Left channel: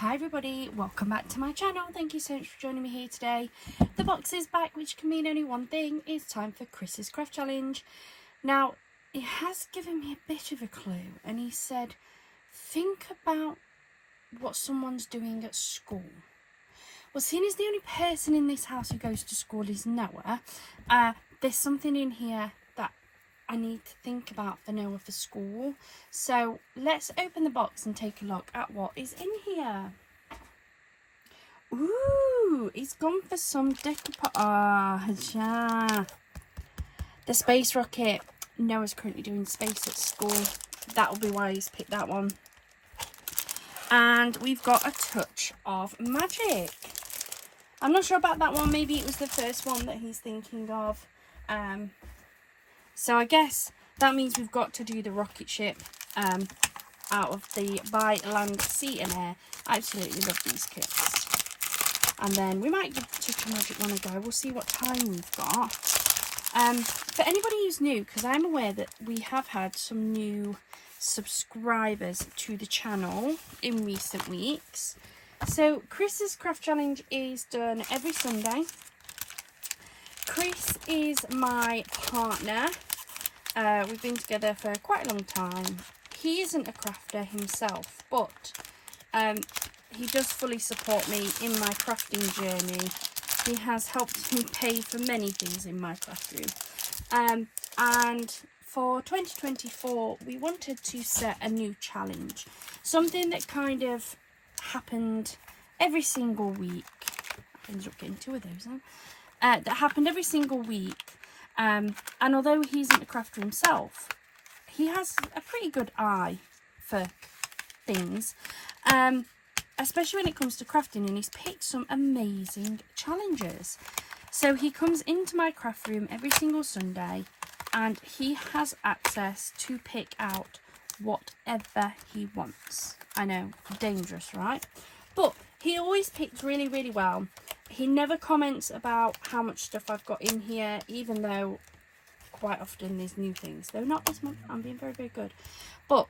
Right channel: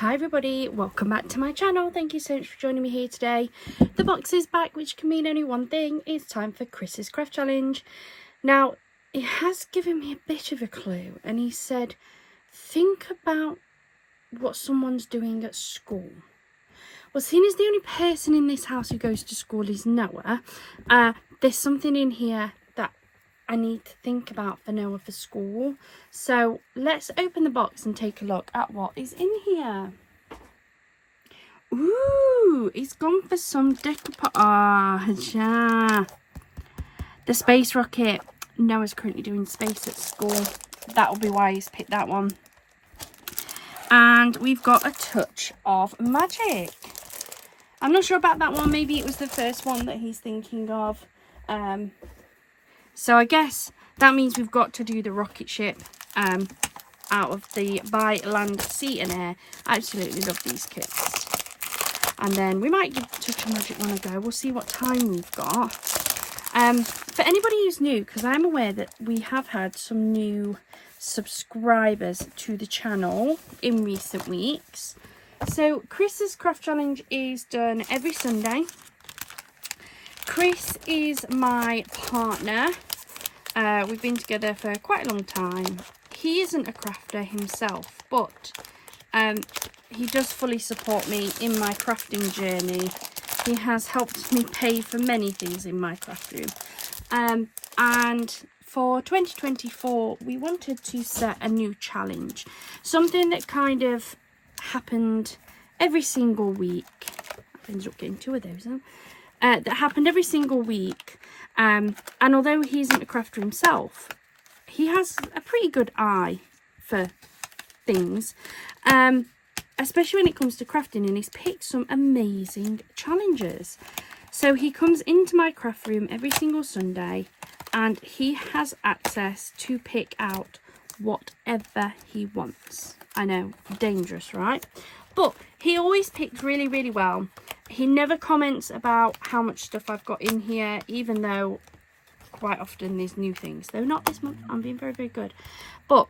Hi everybody, welcome back to my channel. Thank you so much for joining me here today. The box is back, which can mean only one thing. It's time for Chris's craft challenge. Now, he has given me a bit of a clue and he said, think about what someone's doing at school. Well, seeing as the only person in this house who goes to school is Noah, there's something in here that I need to think about for Noah for school. So let's open the box and take a look at what is in here. Ooh, he's gone for some decoupage. Yeah. The space rocket. Noah's currently doing space at school. That'll be why he's picked that one. And we've got a touch of magic. I'm not sure about that one. Maybe it was the first one that he's thinking of. So I guess that means we've got to do the rocket ship out of the By Land, Sea and Air. I absolutely love these kits. And then we might give Touch of Magic one a go. We'll see what time we've got. For anybody who's new, because I'm aware that we have had some new subscribers to the channel in recent weeks. So Chris's craft challenge is done every Sunday. Chris is my partner. We've been together for quite a long time. He isn't a crafter himself, but he does fully support me in my crafting journey. He has helped me pay for many things in my classroom. And for 2024, we wanted to set a new challenge. Something that kind of happened every single week. I ended up getting two of those, that happened every single week. And although he isn't a crafter himself, he has a pretty good eye for things, especially when it comes to crafting, and he's picked some amazing challenges. So he comes into my craft room every single Sunday and he has access to pick out whatever he wants. I know, dangerous, right? But he always picks really, really well. He never comments about how much stuff I've got in here, even though quite often there's new things. Though not this month, I'm being very, very good. But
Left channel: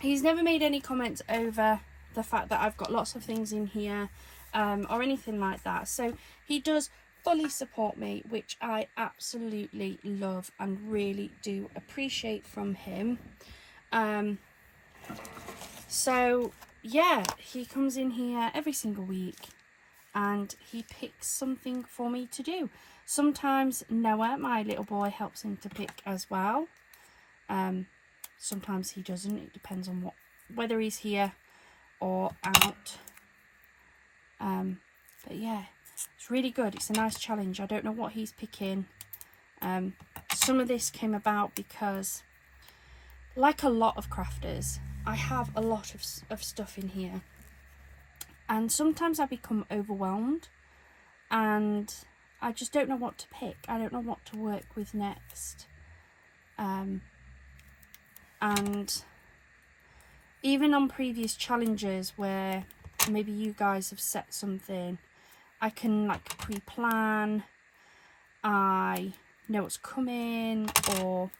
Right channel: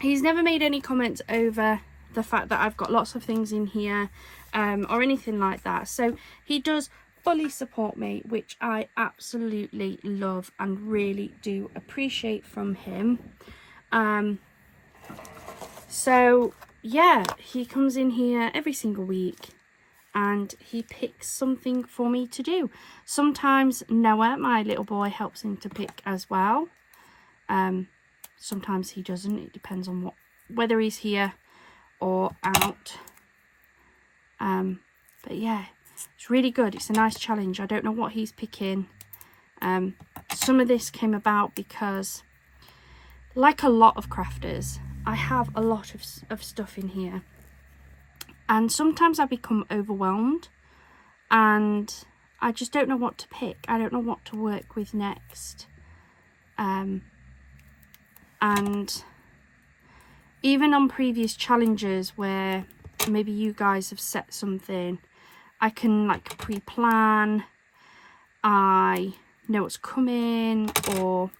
he's never made any comments over the fact that I've got lots of things in here or anything like that. So he does fully support me, which I absolutely love and really do appreciate from him. So yeah, he comes in here every single week and he picks something for me to do. Sometimes Noah, my little boy, helps him to pick as well. Sometimes he doesn't. It depends on whether he's here or out. But yeah, it's really good. It's a nice challenge. I don't know what he's picking. Some of this came about because, like a lot of crafters, I have a lot of stuff in here. And sometimes I become overwhelmed and I just don't know what to pick. I don't know what to work with next. And even on previous challenges where maybe you guys have set something, I can like pre-plan, I know what's coming, or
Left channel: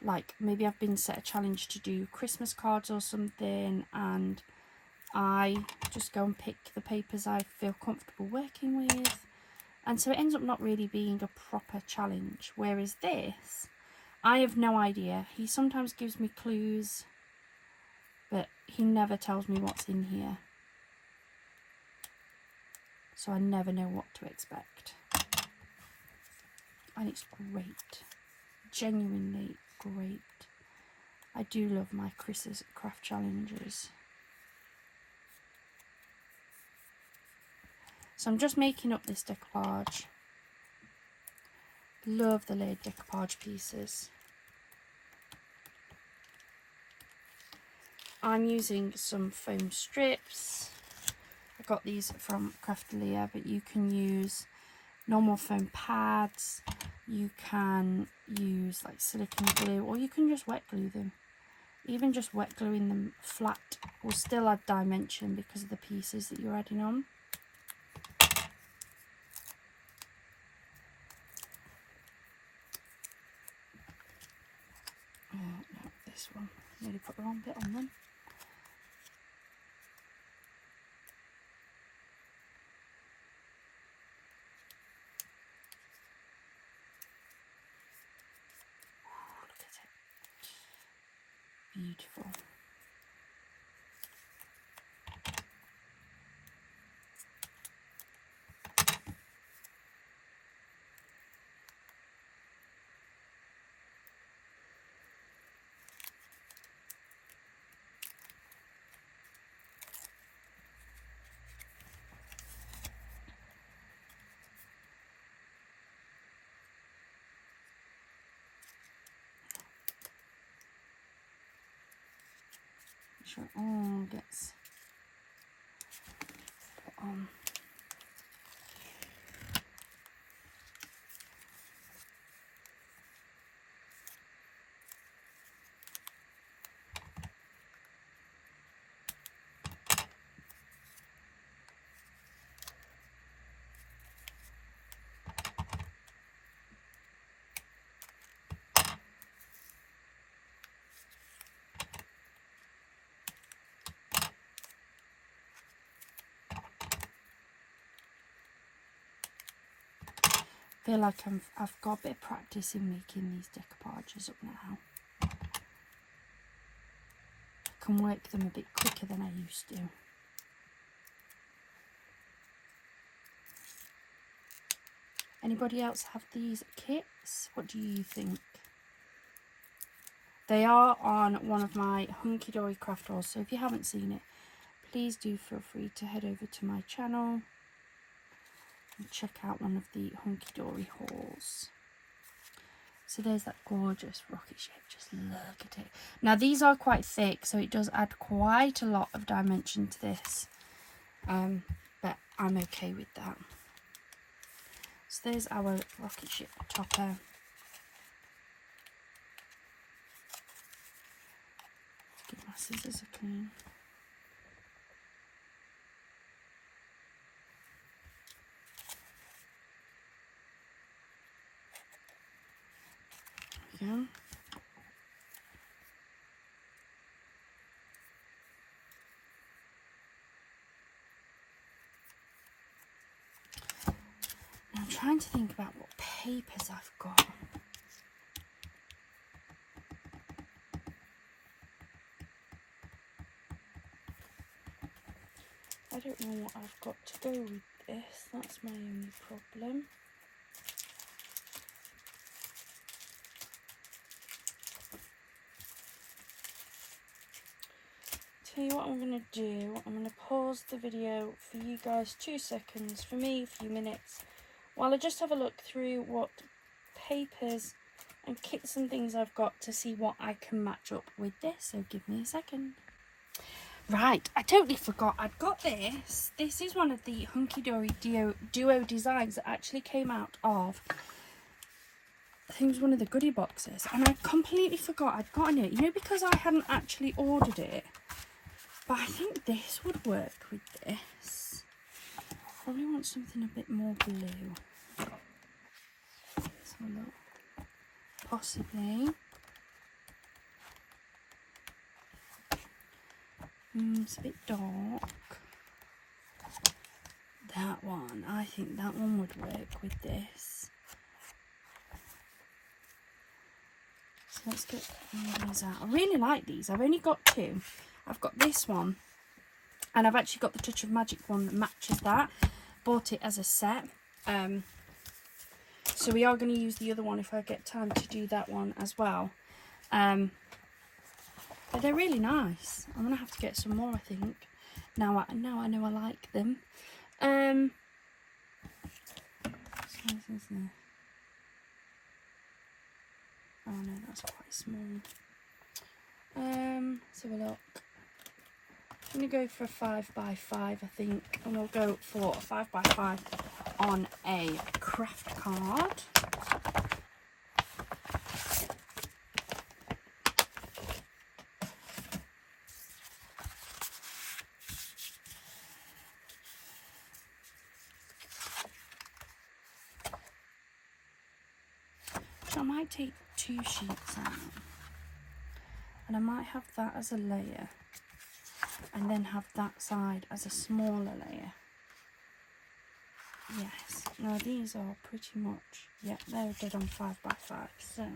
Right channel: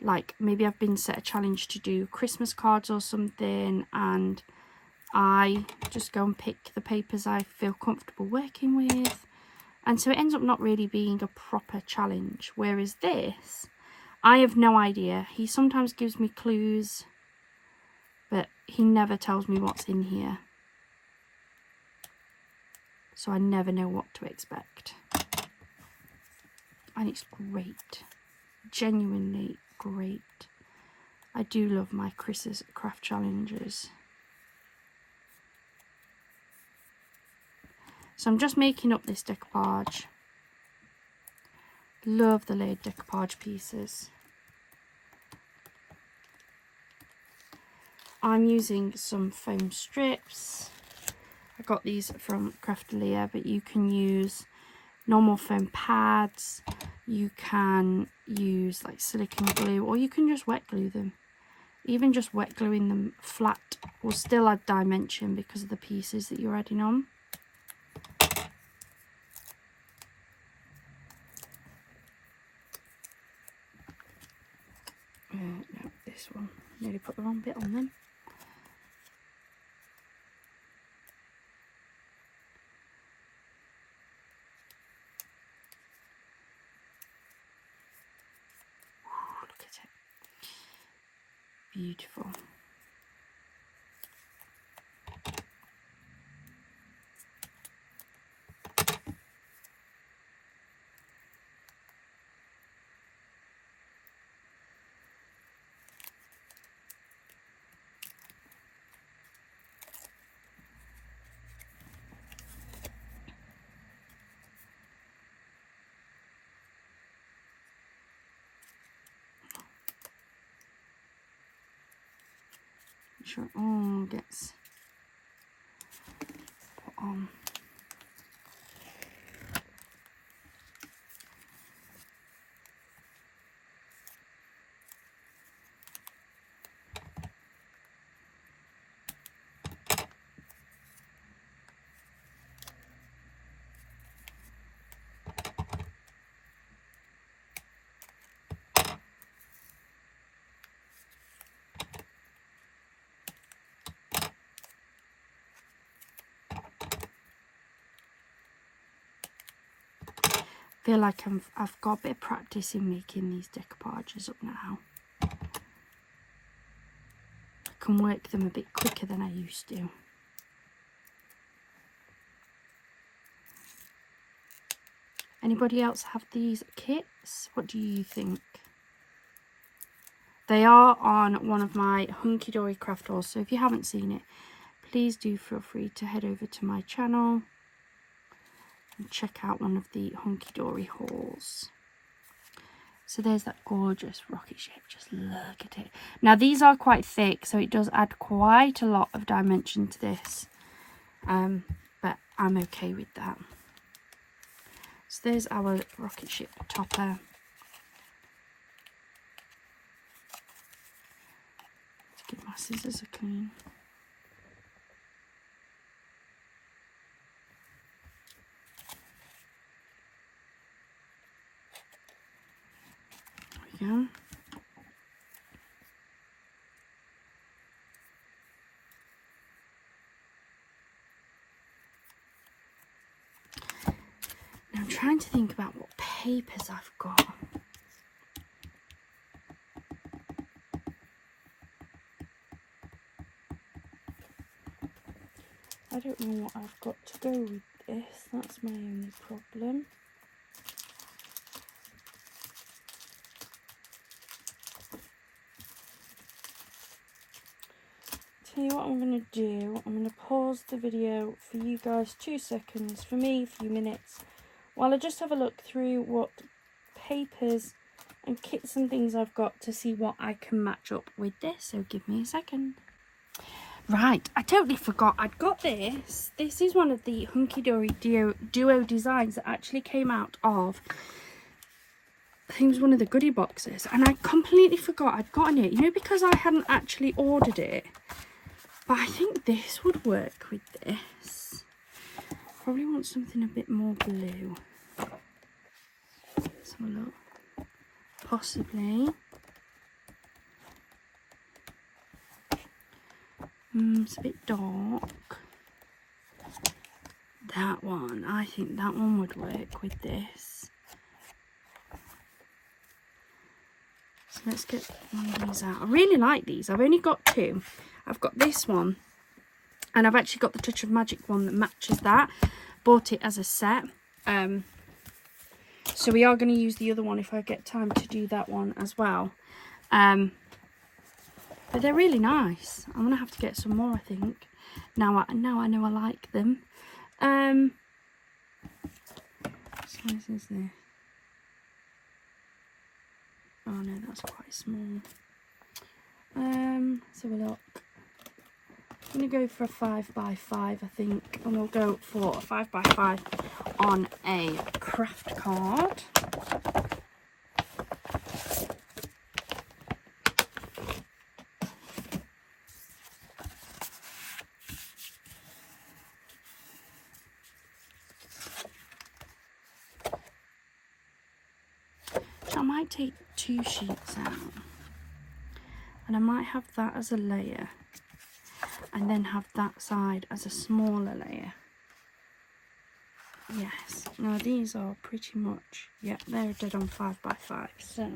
like maybe I've been set a challenge to do Christmas cards or something, and I just go and pick the papers I feel comfortable working with, and so it ends up not really being a proper challenge. Whereas this, I have no idea. He sometimes gives me clues, but he never tells me what's in here, so I never know what to expect. And it's great, genuinely great. I do love my Chris's craft challenges. So I'm just making up this decoupage. Love the layered decoupage pieces. I'm using some foam strips. I got these from Craftalia, but you can use normal foam pads. You can use like silicone glue, or you can just wet glue them. Even just wet gluing them flat will still add dimension because of the pieces that you're adding on. No, this one. Nearly put the wrong bit on then. beautiful. Make sure it all gets put on. I feel like I've got a bit of practice in making these decoupages up now. I can work them a bit quicker than I used to. Anybody else have these kits? What do you think? They are on one of my Hunky Dory craft hauls, so if you haven't seen it, please do feel free to head over to my channel and check out one of the Hunky Dory hauls. So there's that gorgeous rocket shape, just look at it. Now these are quite thick, so it does add quite a lot of dimension to this, but I'm okay with that. So there's our rocket ship topper. Give my scissors a clean. There we go. Now I'm trying to think about what papers I've got. I don't know what I've got to go with this, that's my only problem. Tell you what I'm going to do, I'm going to pause the video for you guys 2 seconds, for me a few minutes, while I just have a look through what papers and kits and things I've got to see what I can match up with this, so give me a second. Right, I totally forgot I'd got this. This is one of the Hunky Dory Duo designs that actually came out of, I think it was one of the goodie boxes, and I completely forgot I'd gotten it, you know, because I hadn't actually ordered it. But I think this would work with this. Probably want something a bit more blue. Let's have a look. Possibly. It's a bit dark. That one, I think that one would work with this. So let's get these out. I really like these. I've only got 2. I've got this one, and I've actually got the Touch of Magic one that matches that. Bought it as a set. So we are going to use the other one if I get time to do that one as well. But they're really nice. I'm going to have to get some more, I think. Now I know I like them. What size is this? Oh no, that's quite small. Let's have a look. I'm going to go for a 5x5, I think. And we'll go for a 5x5 on a craft card. I might take 2 sheets out, and I might have that as a layer, and then have that side as a smaller layer. Yes, now these are pretty much, yeah, they're dead on 5x5. So,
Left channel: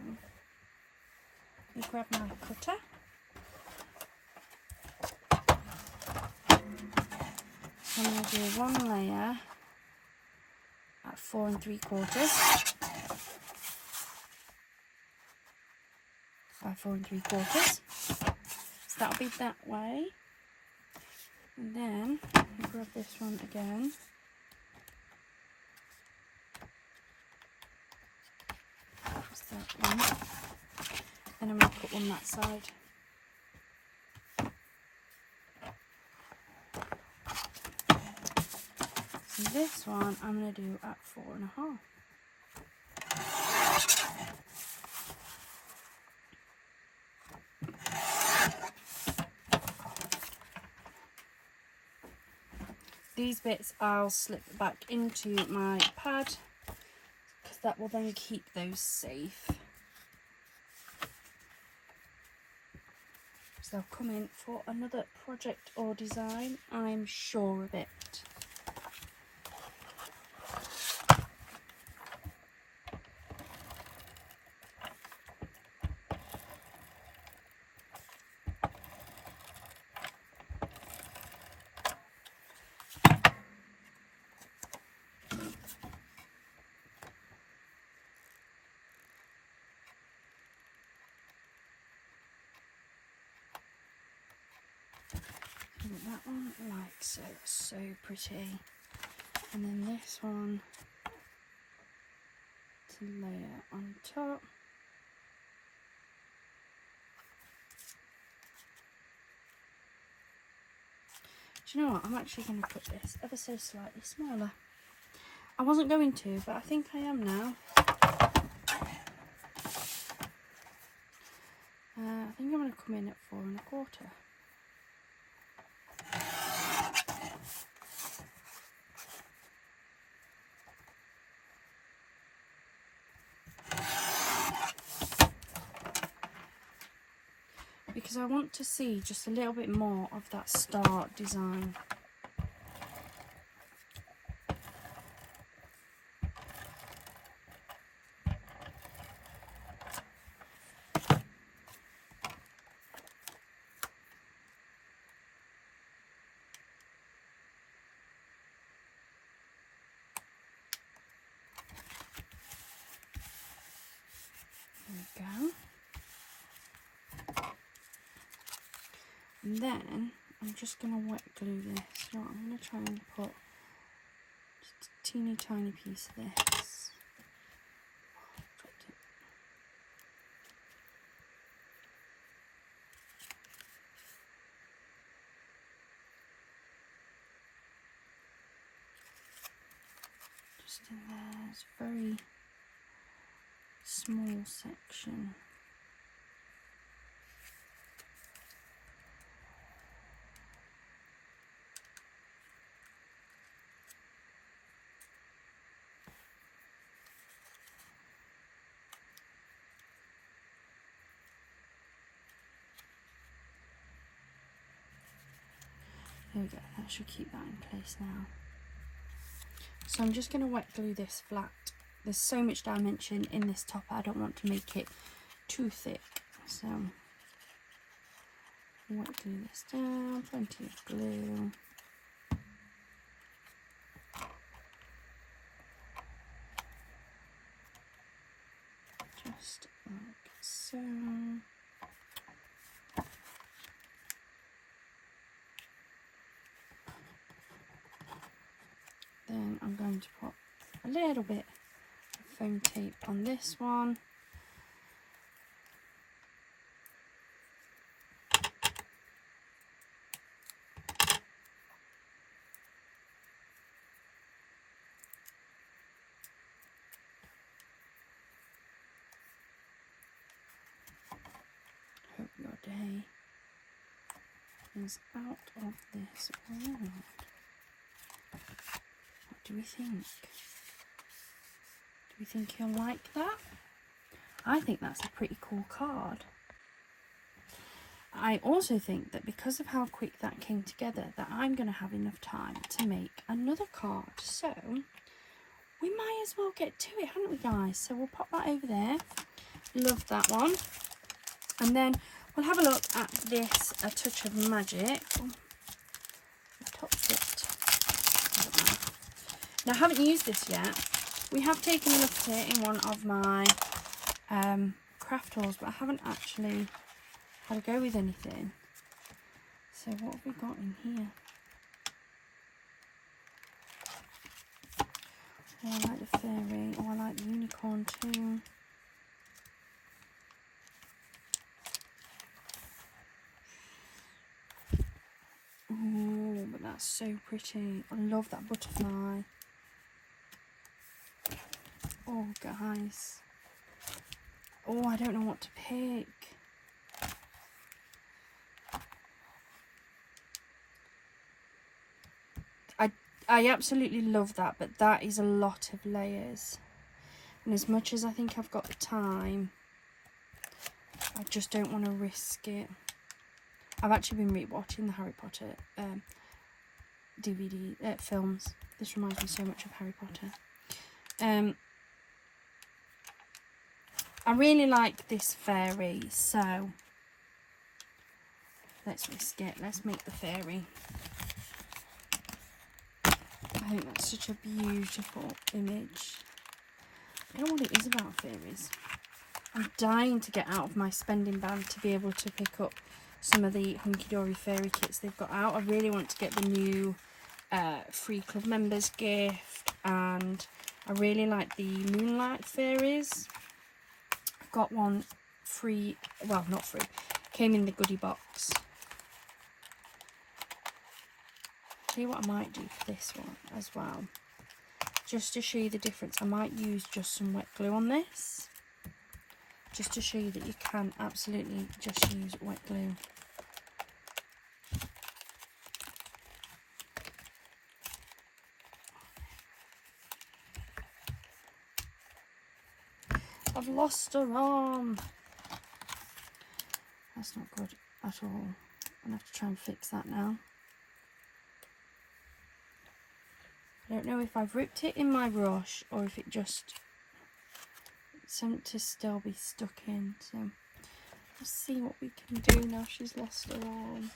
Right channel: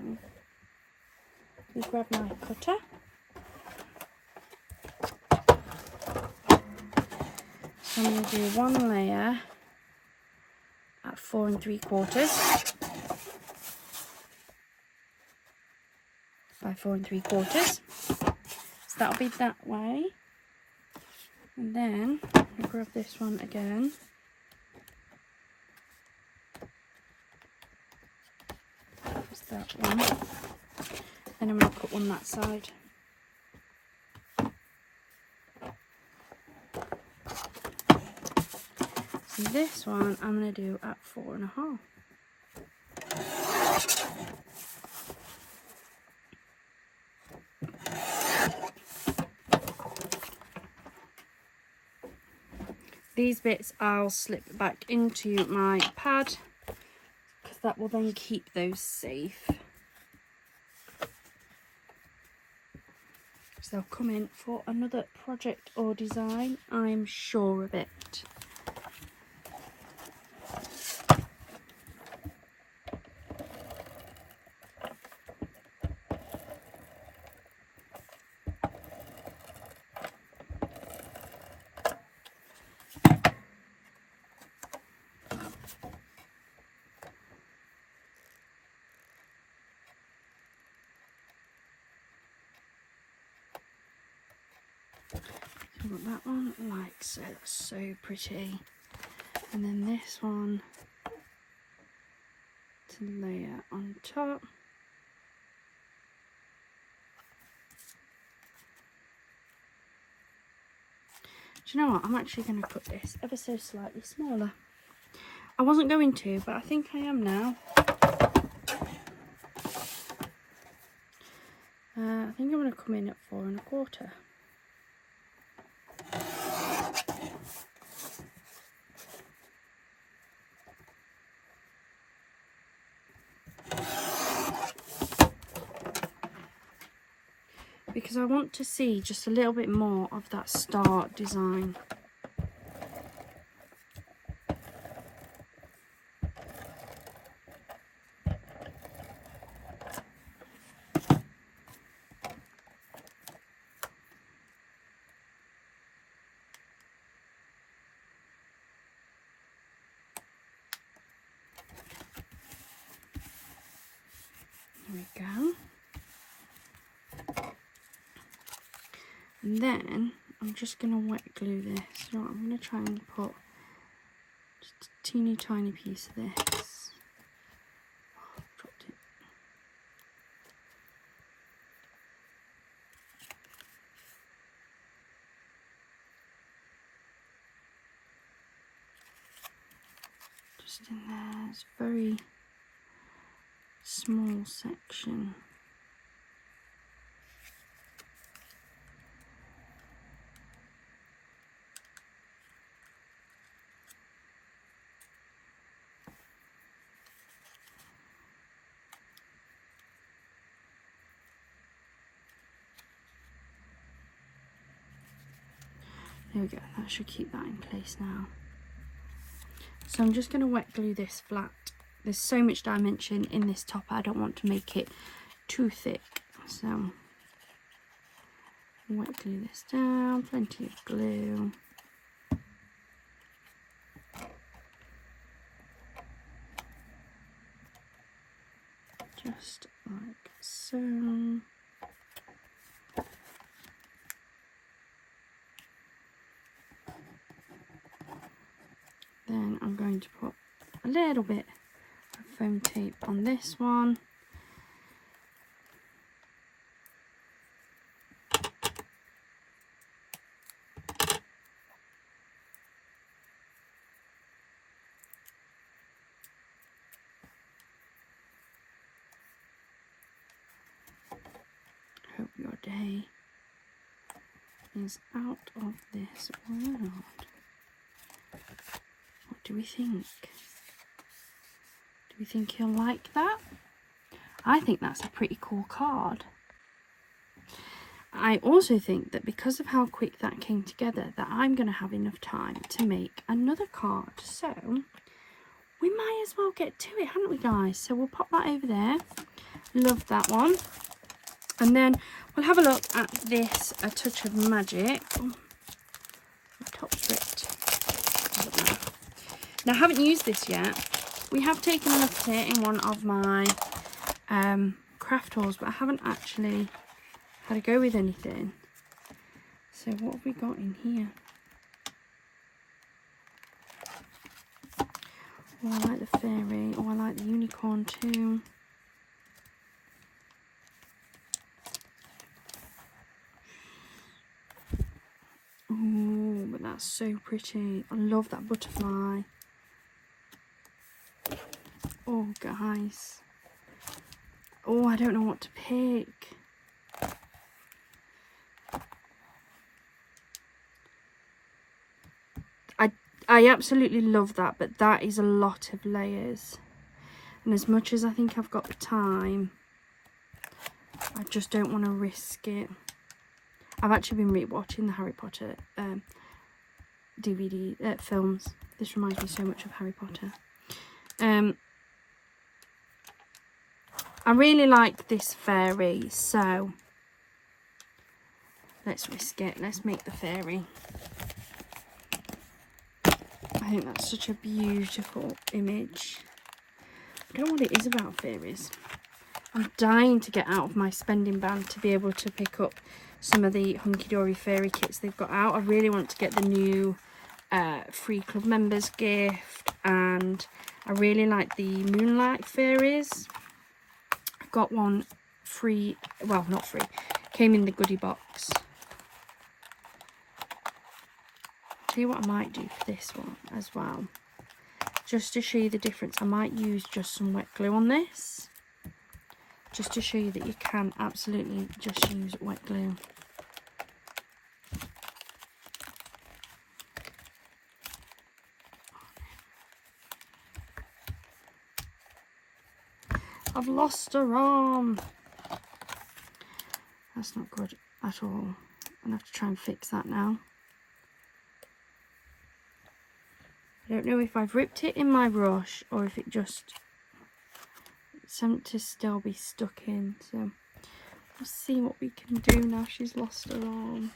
we grab my cutter. I'm going to do one layer at 4 3/4 by 4 3/4. So that'll be that way. And then I'll grab this one again. That's that one. And then we'll put one that side. So this one I'm going to do at 4 1/2. These bits I'll slip back into my pad because that will then keep those safe. So they'll come in for another project or design, I'm sure of it. That one likes it, so pretty. And then this one to layer on top. Do you know what? I'm actually going to put this ever so slightly smaller. I wasn't going to, but I think I am now. I think I'm going to come in at 4 1/4. Because I want to see just a little bit more of that star design. There we go. And then I'm just going to wet glue this. You know what, I'm going to try and put just a teeny tiny piece of this. Oh, dropped it. Just in there, it's a very small section. There we go, that should keep that in place now. So I'm just going to wet glue this flat. There's so much dimension in this top, I don't want to make it too thick. So wet glue this down, plenty of glue. Just like so. Then I'm going to put a little bit of foam tape on this one. Hope your day is out of this world. What do we think? Do we think he'll like that? I think that's a pretty cool card. I also think that because of how quick that came together, that I'm going to have enough time to make another card. So we might as well get to it, haven't we, guys? So we'll pop that over there. Love that one. And then we'll have a look at this A Touch of Magic. Oh, the top bit Now I haven't used this yet. We have taken a look at it in one of my craft hauls, but I haven't actually had a go with anything. So what have we got in here? Oh, I like the fairy. Oh, I like the unicorn too. Oh, but that's so pretty. I love that butterfly. Oh, guys. Oh, I don't know what to pick. I absolutely love that, but that is a lot of layers. And as much as I think I've got the time, I just don't want to risk it. I've actually been rewatching the Harry Potter DVD films. This reminds me so much of Harry Potter. I really like this fairy, so let's risk it. Let's make the fairy. I think that's such a beautiful image. I don't know what it is about fairies. I'm dying to get out of my spending ban to be able to pick up some of the Hunky Dory fairy kits they've got out. I really want to get the new free club members gift, and I really like the Moonlight fairies. I got one free, well, not free, came in the goodie box. See what I might do for this one as well, just to show you the difference. I might use just some wet glue on this, just to show you that you can absolutely just use wet glue. I've lost her arm. That's not good at all. I'm gonna have to try and fix that now. I don't know if I've ripped it in my brush or if it just seemed to still be stuck in. So let's see what we can do now she's lost her arm.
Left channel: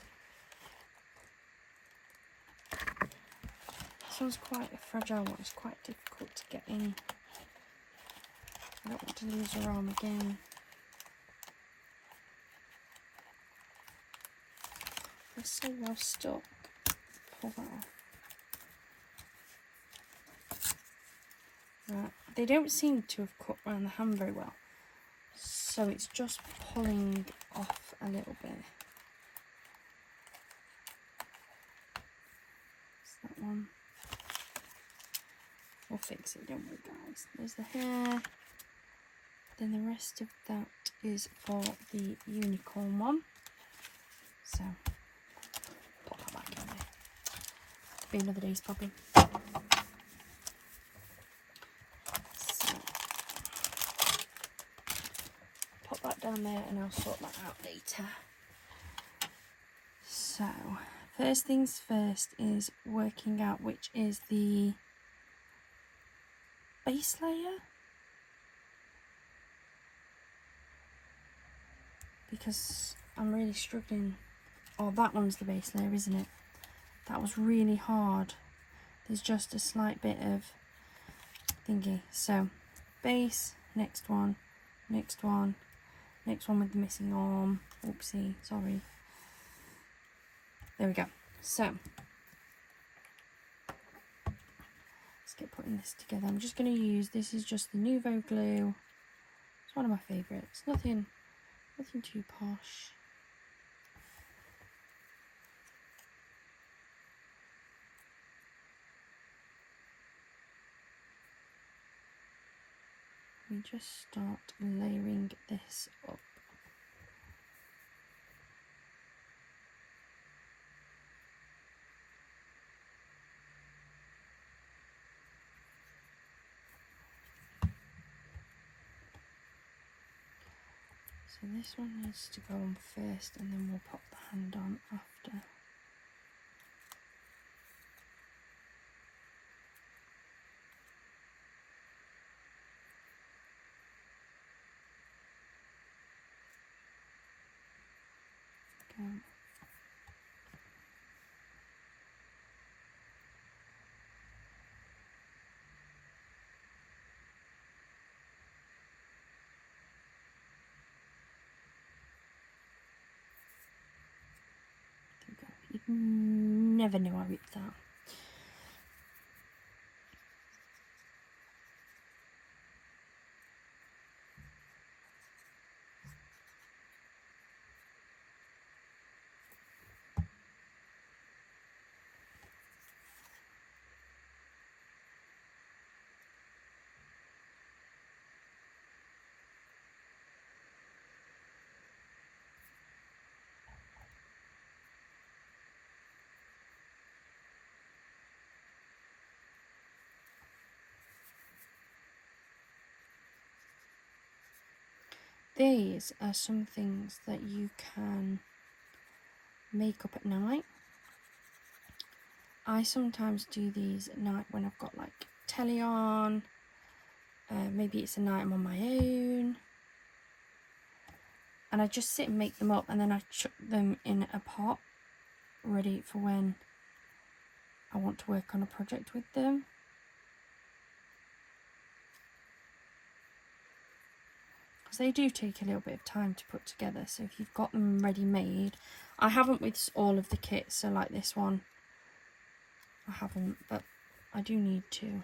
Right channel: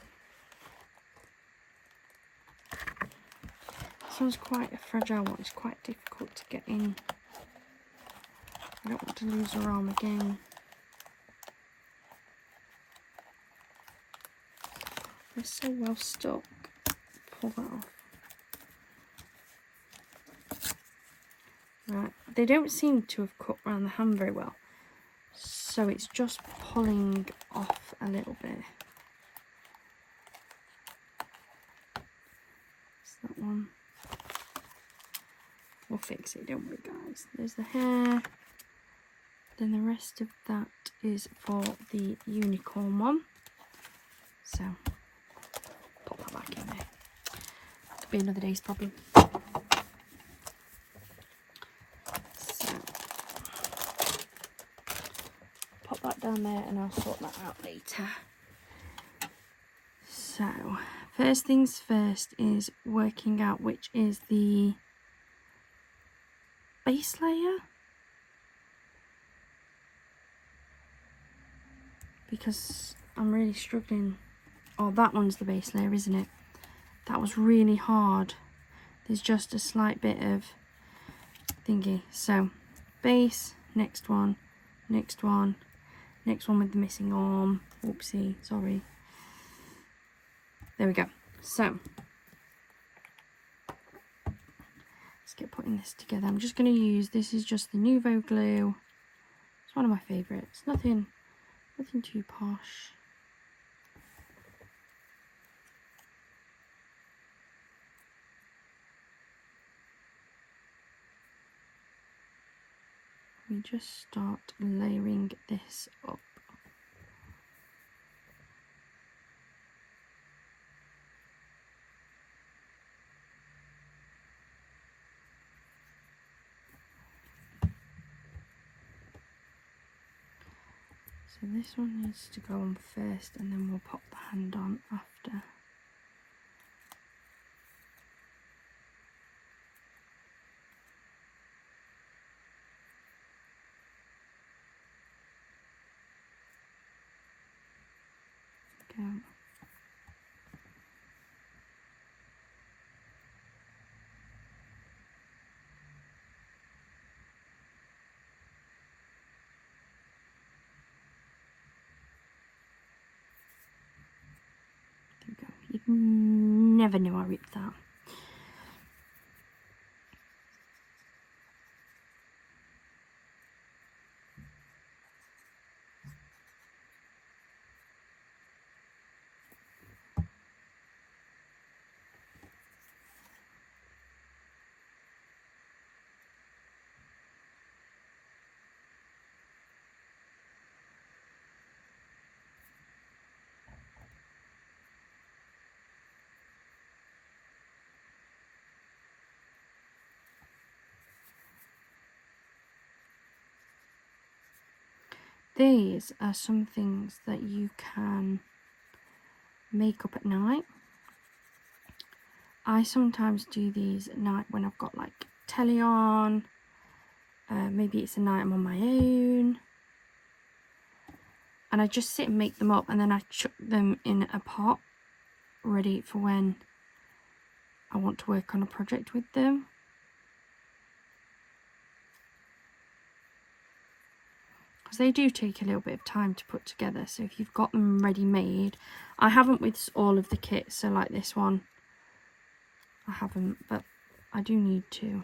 This one's quite a fragile one. It's quite difficult to get in. I don't want to lose her arm again. It's so well stuck. Pull that off. Right, they don't seem to have cut around the hand very well, so it's just pulling off a little bit. That's that one. We'll fix it, don't we, guys? There's the hair. Then the rest of that is for the unicorn one. So, put that back in there. Could be another day's problem. Down there, and I'll sort that out later. So first things first is working out which is the base layer, because I'm really struggling. Oh, that one's the base layer, isn't it? That was really hard. There's just a slight bit of thingy. So base, next one, next one, next one with the missing arm. Oopsie, sorry. There we go. So, let's get putting this together. I'm just going to use, this is just the Nouveau glue. It's one of my favourites. Nothing too posh. We just start layering this up. So this one needs to go on first, and then we'll pop the hand on after. Go. Never knew I ripped that. These are some things that you can make up at night. I sometimes do these at night when I've got like telly on. Maybe it's a night I'm on my own. And I just sit and make them up, and then I chuck them in a pot ready for when I want to work on a project with them. Because they do take a little bit of time to put together, so if you've got them ready made, I haven't with all of the kits, so like this one I haven't, but I do need to.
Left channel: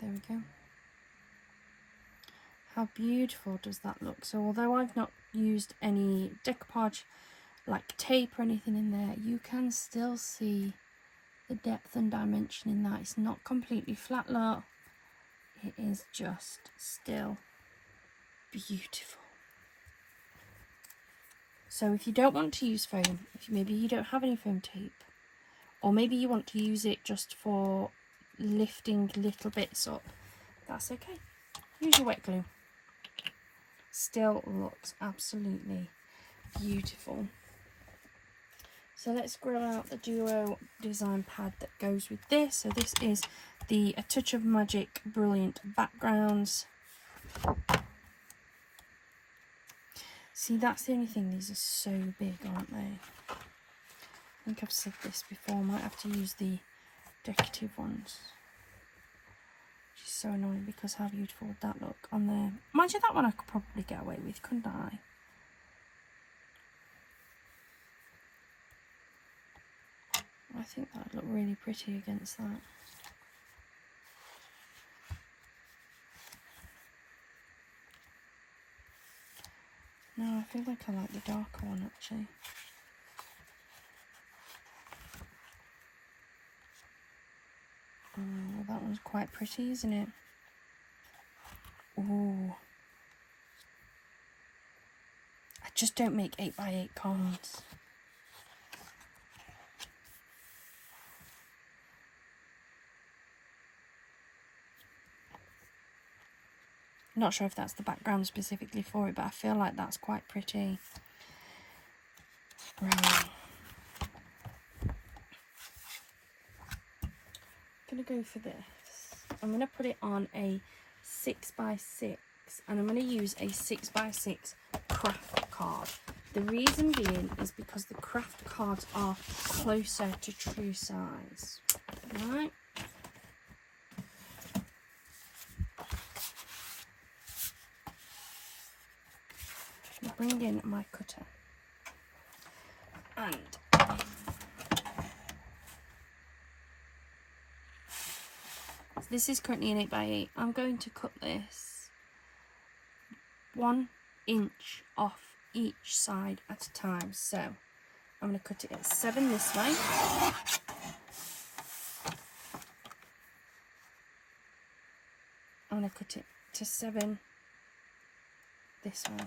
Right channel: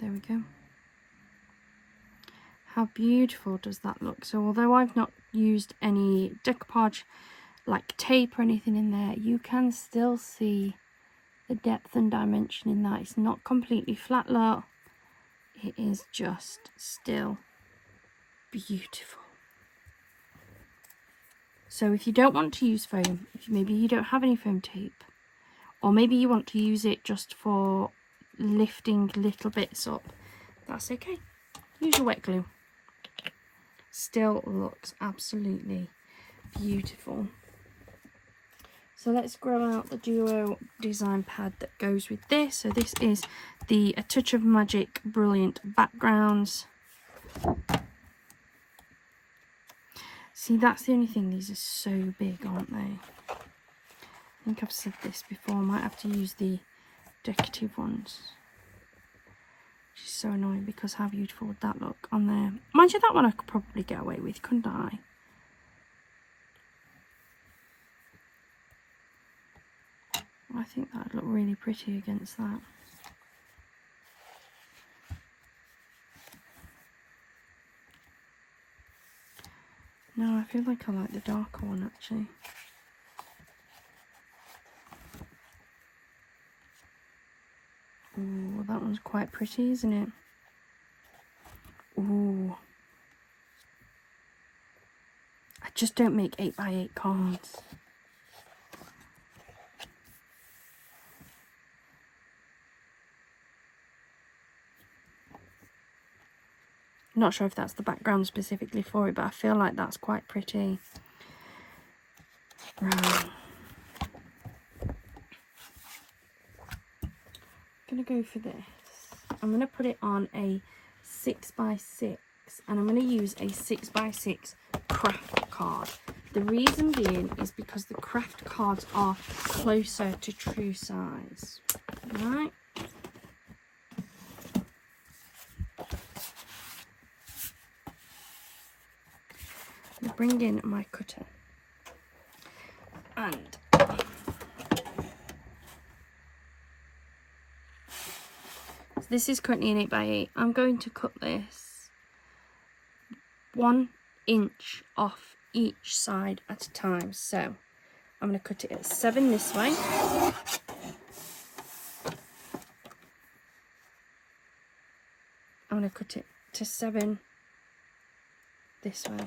There we go. How beautiful does that look? So although I've not used any decoupage like tape or anything in there, you can still see the depth and dimension in that. It's not completely flat look. It is just still beautiful. So if you don't want to use foam, if maybe you don't have any foam tape, or maybe you want to use it just for lifting little bits up, that's okay. Use your wet glue. Still looks absolutely beautiful. So let's grow out the duo design pad that goes with this. So this is the A Touch of Magic Brilliant Backgrounds. See, that's the only thing, these are so big, aren't they? I think I've said this before, I might have to use the decorative ones. Which is so annoying because how beautiful would that look on there? Mind you, that one I could probably get away with, couldn't I? I think that would look really pretty against that. No, I feel like I like the darker one actually. Oh, that one's quite pretty, isn't it? Ooh. I just don't make 8x8 cards. Not sure if that's the background specifically for it, but I feel like that's quite pretty. Right. I'm going to go for this. I'm going to put it on a 6x6, and I'm going to use a 6x6 craft card. The reason being is because the craft cards are closer to true size. Right. I'll bring in my cutter, and this is currently an 8x8. I'm going to cut this 1 inch off each side at a time. So I'm going to cut it at 7 this way. I'm going to cut it to 7 this way.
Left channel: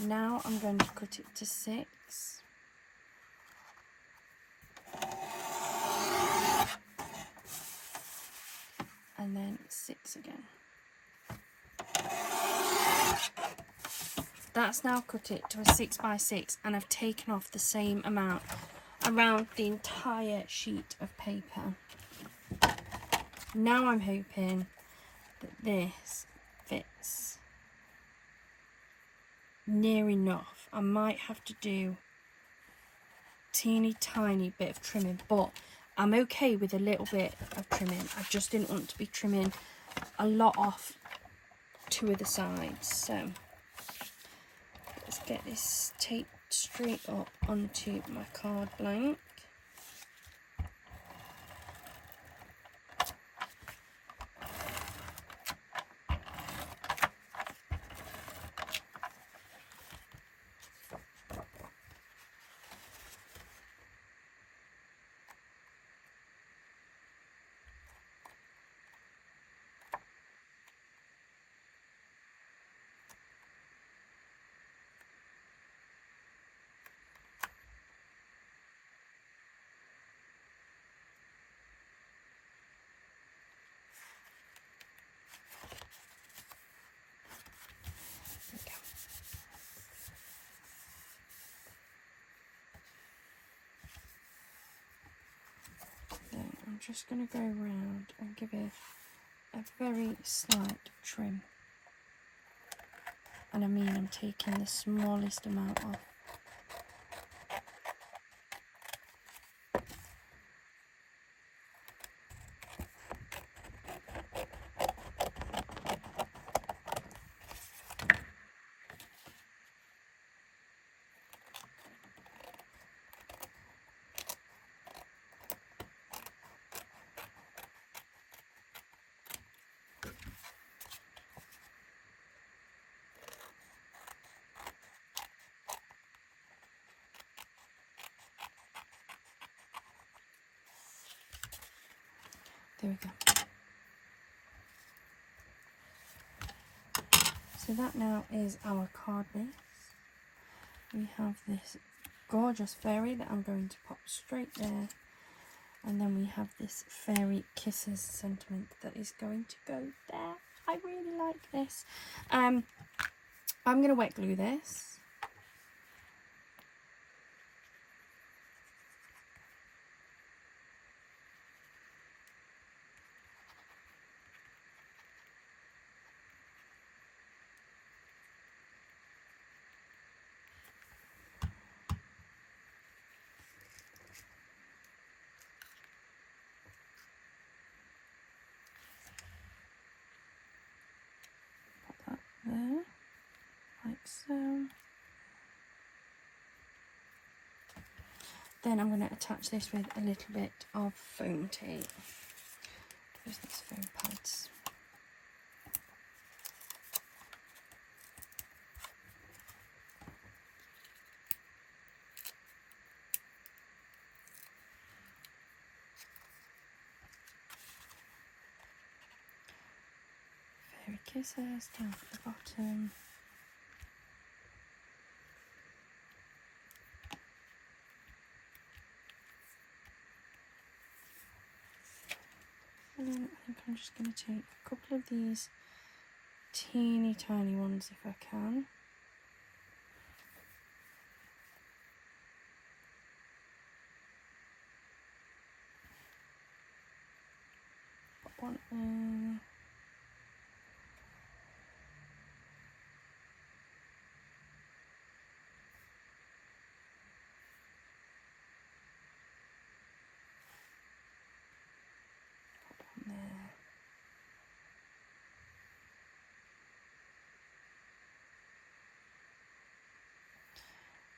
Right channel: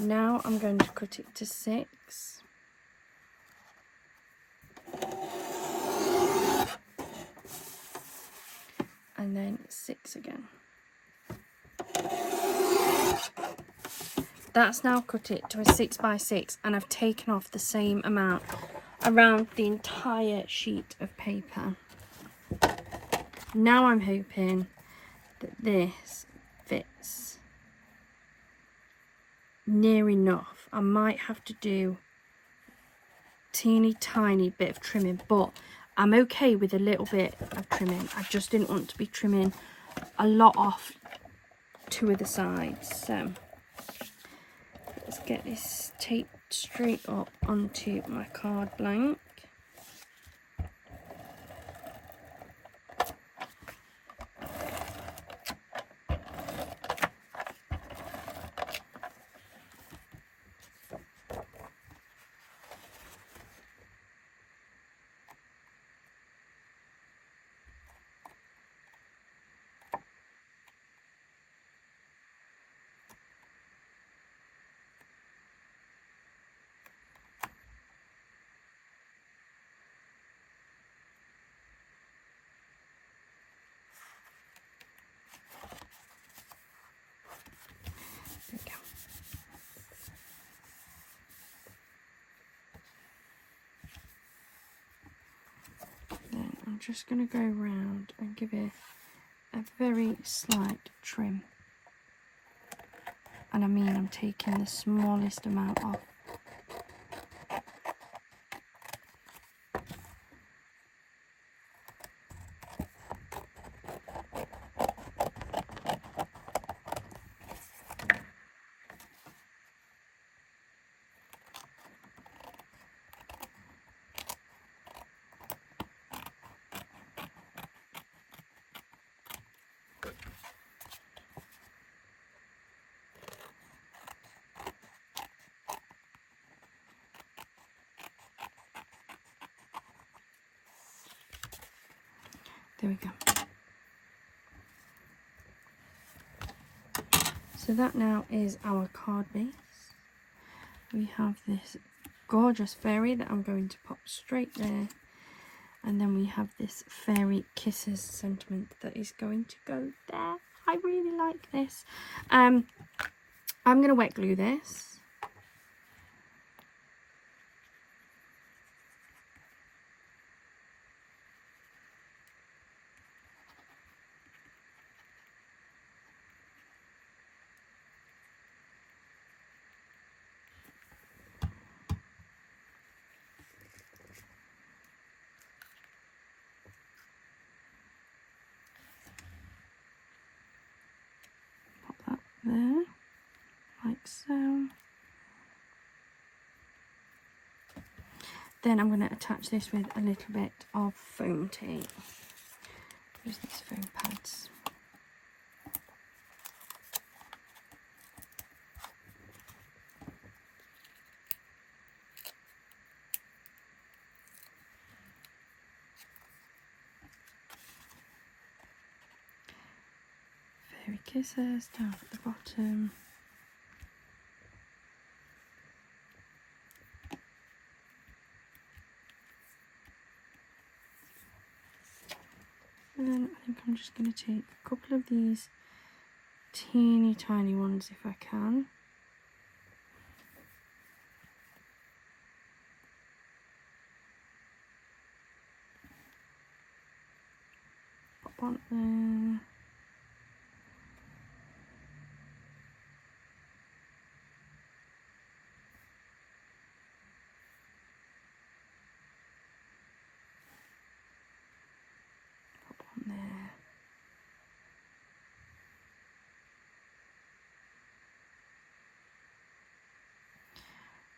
Now I'm going to cut it to 6. And then 6 again. that's now cut it to a 6x6, and I've taken off the same amount around the entire sheet of paper. Now I'm hoping that this fits near enough. I might have to do teeny tiny bit of trimming, but I'm okay with a little bit of trimming. I just didn't want to be trimming a lot off two of the sides. So let's get this taped straight up onto my card blank. I'm just going to go around and give it a very slight trim. And I mean, I'm taking the smallest amount off. There we go. So that now is our card base. We have this gorgeous fairy that I'm going to pop straight there. And then we have this fairy kisses sentiment that is going to go there. I really like this. I'm going to wet glue this. There, like so. Then I'm going to attach this with a little bit of foam tape. Use these foam pads. Fairy kisses down at the bottom. And then I think I'm just going to take a couple of these teeny tiny ones if I can. Pop one there.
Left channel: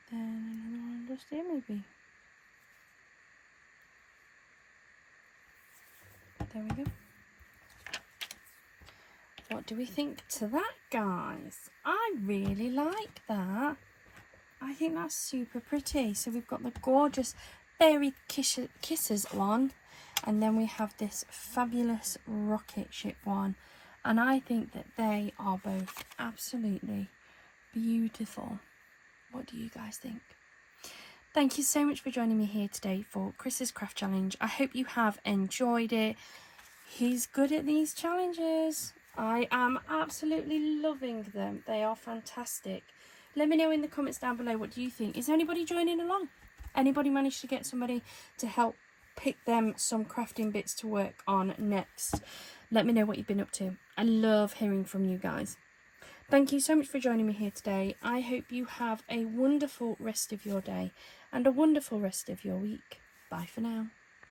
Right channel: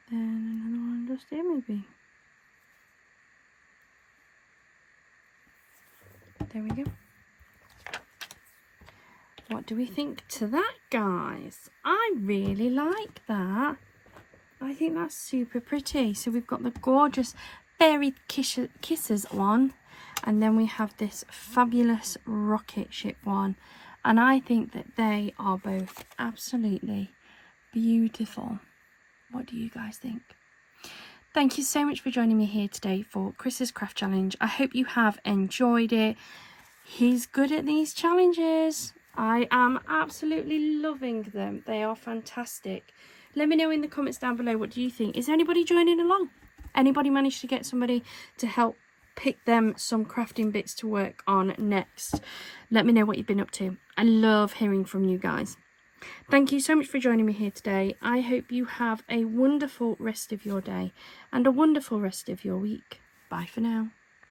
Then another one just here maybe. There we go. What do we think to that, guys? I really like that. I think that's super pretty. So we've got the gorgeous fairy kisses one, and then we have this fabulous rocket ship one. And I think that they are both absolutely beautiful. What do you guys think? Thank you so much for joining me here today for Chris's Craft Challenge. I hope you have enjoyed it. He's good at these challenges. I am absolutely loving them. They are fantastic. Let me know in the comments down below, what do you think? Is anybody joining along? Anybody managed to get somebody to help pick them some crafting bits to work on next? Let me know what you've been up to. I love hearing from you guys. Thank you so much for joining me here today. I hope you have a wonderful rest of your day and a wonderful rest of your week. Bye for now.